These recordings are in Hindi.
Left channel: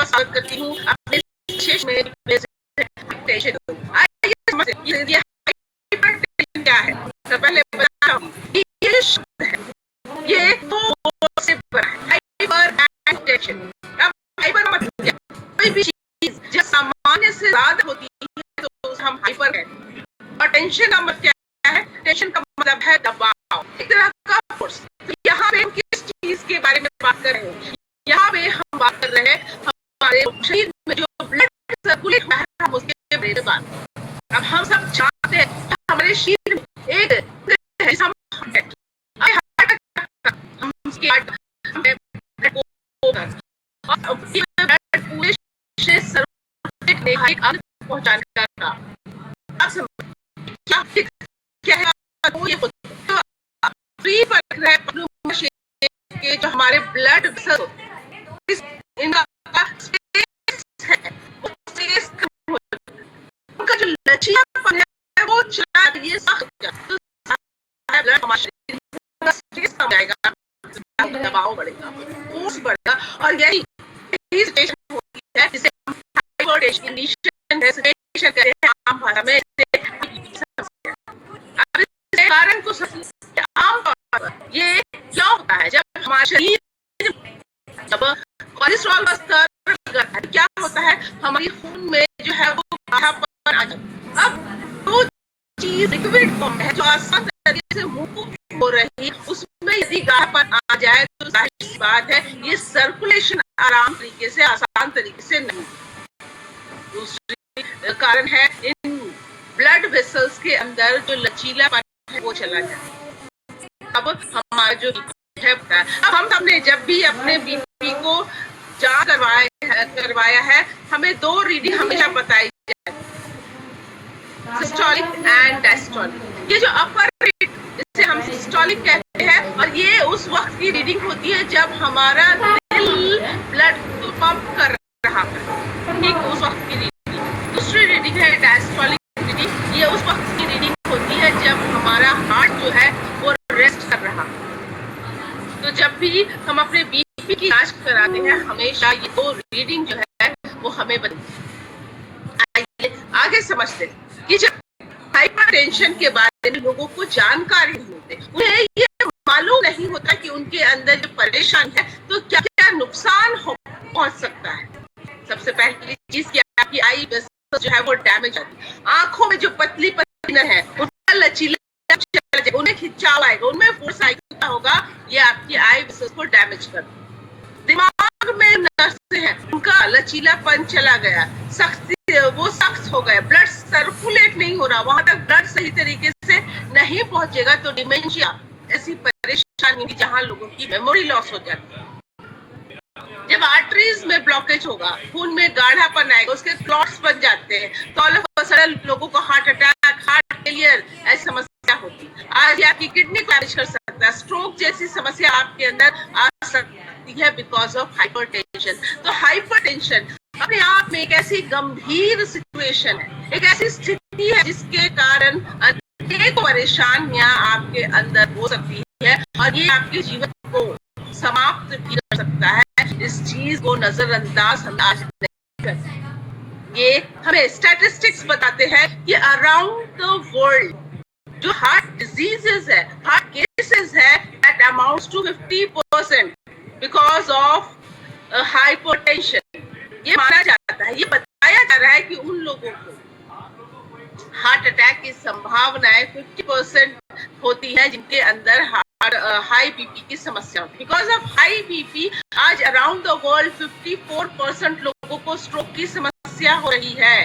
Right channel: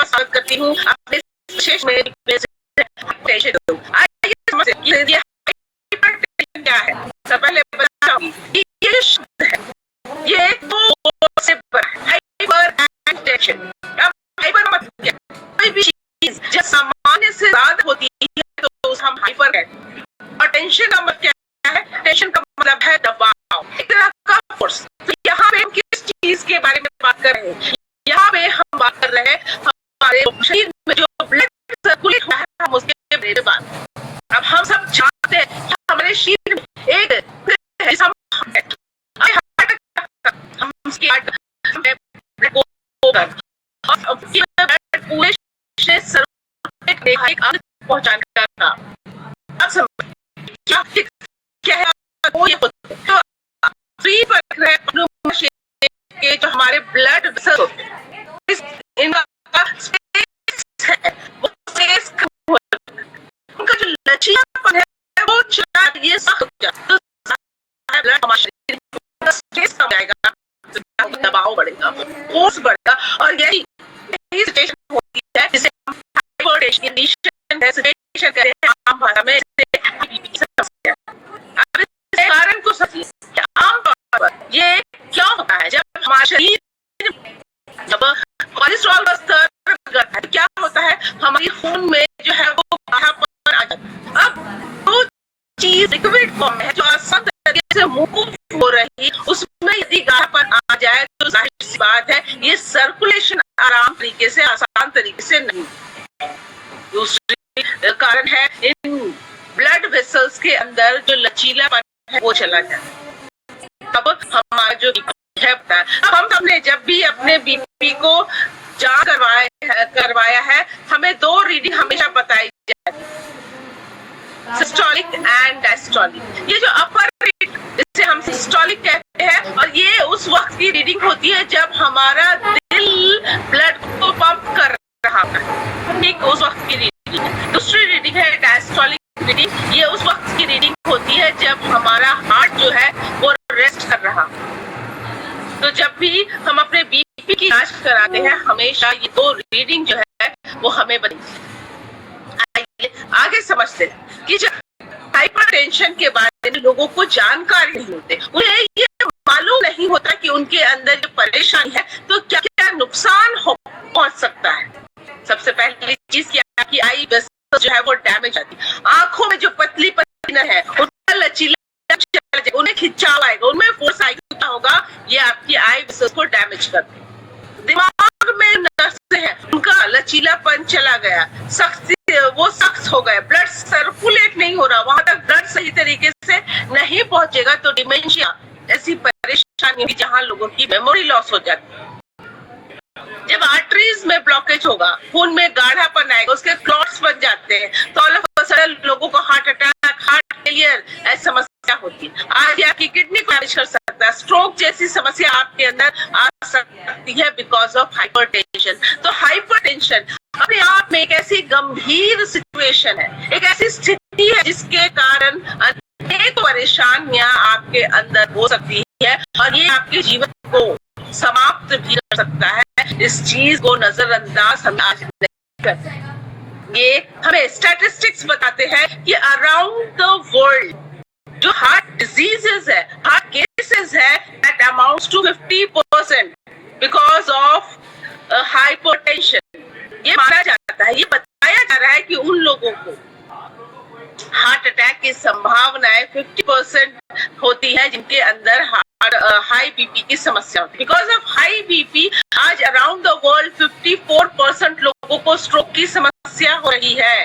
बहुत स्वागत करती हूँ अपने विशेष में। आइए समझते हैं ये हाइपरटेंशन क्या है। सबसे पहले बताऊं कि ये शब्द है, ये दो से बना है, हाइपरटेंशन। अब हाइपर मतलब क्या? कोई भी चीज जब सामान्य से ज्यादा होती है तो उसे हम हाइपर कहते हैं। और टेंशन का मतलब क्या है? टेंशन का मतलब है दबाव, एक तरह का फोर्स। तो यहाँ पे हम किस चीज के बारे में बात कर रहे हैं? यहाँ पे हम बात कर रहे हैं हमारे शरीर में जो ब्लड सर्कुलेट हो रहा है, हम उसके बारे में बात। अब हम सब जानते हैं कि हमारे शरीर में एक हम उसकी पूरे पहुंचाने का। अब क्या है वो ये फ्री पर है के जो हमारे ब्लड वेसल होते हैं, इनका स्पेस है, वो स्पेस उनका जो लचीलापन है वो चला ये सख्त हो जाता है, ब्लड हमारे शरीर में स्पेस कम जाएगा, दबाव बढ़ेगा, फोर्स बढ़ेगा। और यही सिचुएशन होती है जिसे हम हाइपरटेंशन कहते हैं आम भाषा में। अब इस कारण को समझिए, आमतौर पर ये क्या होता है जब हमारा शरीर जब कोलेस्ट्रॉल का स्तर बढ़ता है, क्या होता है हमारी खून में जो है वो गाढ़ापन आ जाता है। अब वो चीज लिक्विड फॉर्म है जो आसान तरीके से मूव हो रही, उसमें यदि गाढ़ापन आ जाए तो जाहिर सी बात है ये सर्कुलेशन आराम तरीके से आसान तरीके से नहीं। दूसरी कारण है इन ब्लड वेसल्स के अंदर जो लचीलापन है वो चला जाए। अब हमारा जो है, अब हम सबने जब भी अपने बीपी को जांच करवाया है, हमें दो रीडिंग हमेशा बताई जाती है, सिस्टोलिक एंड डायस्टोलिक। ये जो अपर रीड जिसे हम सिस्टोलिक कहते हैं, और ये उस वक्त की रीडिंग होती है जब हमारा दिल ब्लड को पंप कर रहा है, ठीक उस वक्त की रीडिंग। दूसरी रीडिंग है डायस्टोलिक रीडिंग, ये उस वक्त की रीडिंग होती है जब हमारा हार्ट जो है वो रेस्ट कर रहा। तो जब भी हम अपने बीपी की जांच कराते हैं, हमेशा ये दो रीडिंग जो है वो हमें बताती है। आइए आगे समझते हैं कि जब हाइपरटेंशन के बारे में लोगों को जानकारी नहीं होती, उन्हें ये मालूम नहीं होता कि उनके अंदर जो परेशानी है तो क्या क्या नुकसान पहुंच सकता है। सबसे पहली चीज क्या कि आई वेसल जो है वो डैमेज आती है। आंखों में जो पतली पतली है उनका लचीला उन्हें खिंचाव आएगा, उनमें फोर्स आएगा, क्या होगा ये आपकी आई वेसल्स को डैमेज कर देगा। दिमाग में नसें हैं उनका लचीलापन चला गया, सख्ती वो सख्त हो गए, ब्लड सर्कुलेट नहीं हो रहा, वहां तक ब्लड सही तरीके से नहीं पहुंचेगा तो डिमेंशिया ऐसी परेशानी होगी जहां लोगों की मेमोरी लॉस हो जाती है। जब आर्टरीज में ब्लॉकेज होगा, खून में गाढ़ापन आएगा, उसके क्लॉट्स बन जाते हैं, तो ऑल ऑफ अ सडन लोगों को हार्ट अटैक, हार्ट फेलियर ऐसी समस्या होती है। आज आपकी किडनी को डैमेज कर सकता है, स्ट्रोक जैसी समस्या आपके अंदर आ सकती है बिकॉज ऑफ हाइपरटेंशन। तो हाइपरटेंशन अपने आप में एक ऐसी गंभीर सिचुएशन है, एक ऐसी स्थिति है जिसके कारण अनेक परेशानियां आपके अंदर हो सकती है और ये आपके जीवन को समाप्त भी कर सकता है। इस चीज को नजरअंदाज हम आज नहीं करते। ये हमें स्टैटिस्टिक्स बताते हैं कि अराउंड द वर्ल्ड जो हार्ट डिजीजेस है, हार्ट केसेस है, that amounts to 50% because of hypertension. ये माना जाता है, ये बताया जा रहा है कि उन लोगों को हार्ट अटैक की संभावनाएं 50% होती है जिनके अंदर हाई बीपी की समस्या होती है। बिकॉज ऑफ हाई बीपी आज अराउंड द वर्ल्ड 54% लोगों को स्ट्रोक की समस्या हो रही है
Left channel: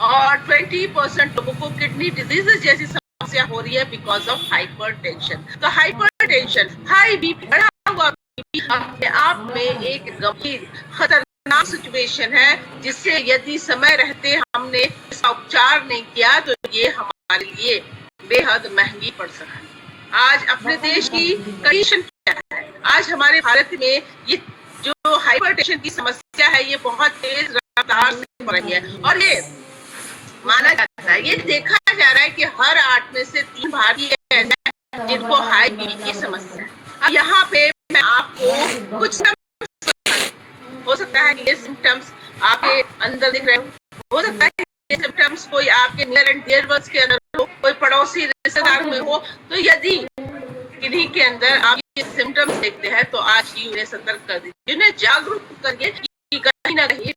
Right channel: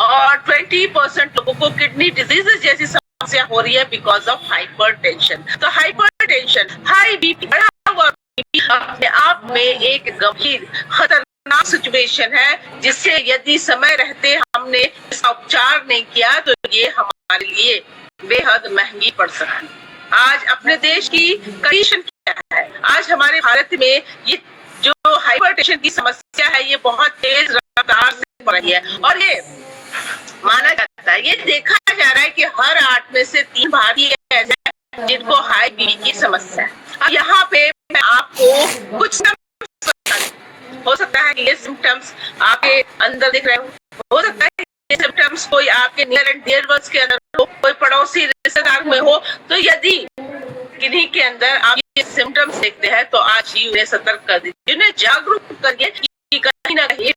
और 20% लोगों को किडनी डिजीजेस जैसी समस्या हो रही है बिकॉज ऑफ हाइपरटेंशन। तो हाइपरटेंशन, हाई बीपी, बढ़ा हुआ बीपी अपने आप में एक गंभीर खतरनाक सिचुएशन है जिससे यदि समय रहते हमने इसका उपचार नहीं किया तो ये हमारे लिए बेहद महंगी पड़ सकती है। आज अपने देश की कंडीशन क्या है? आज हमारे भारत में ये जो हाइपरटेंशन की समस्या है ये बहुत तेज रफ्तार से बढ़ रही है और ये माना जाता है, ये देखा जा रहा है कि हर 8 में से 3 भारतीय ऐसे हैं जिनको हाई बीपी की समस्या है। अब यहाँ पे मैं आपको कुछ हो सकता है कि ये सिम्टम्स आपके अंदर दिख रहे हो सकता है ये सिम्टम्स कोई आपके नियर एंड डियर वंस के अंदर हो, कोई पड़ोसी रिश्तेदार में हो। तो यदि किन्हीं के अंदर आप ये सिम्टम्स देखते हैं तो आज ही उन्हें सतर्क कर दीजिए, उन्हें जागरूक करिए कि कहीं ना कहीं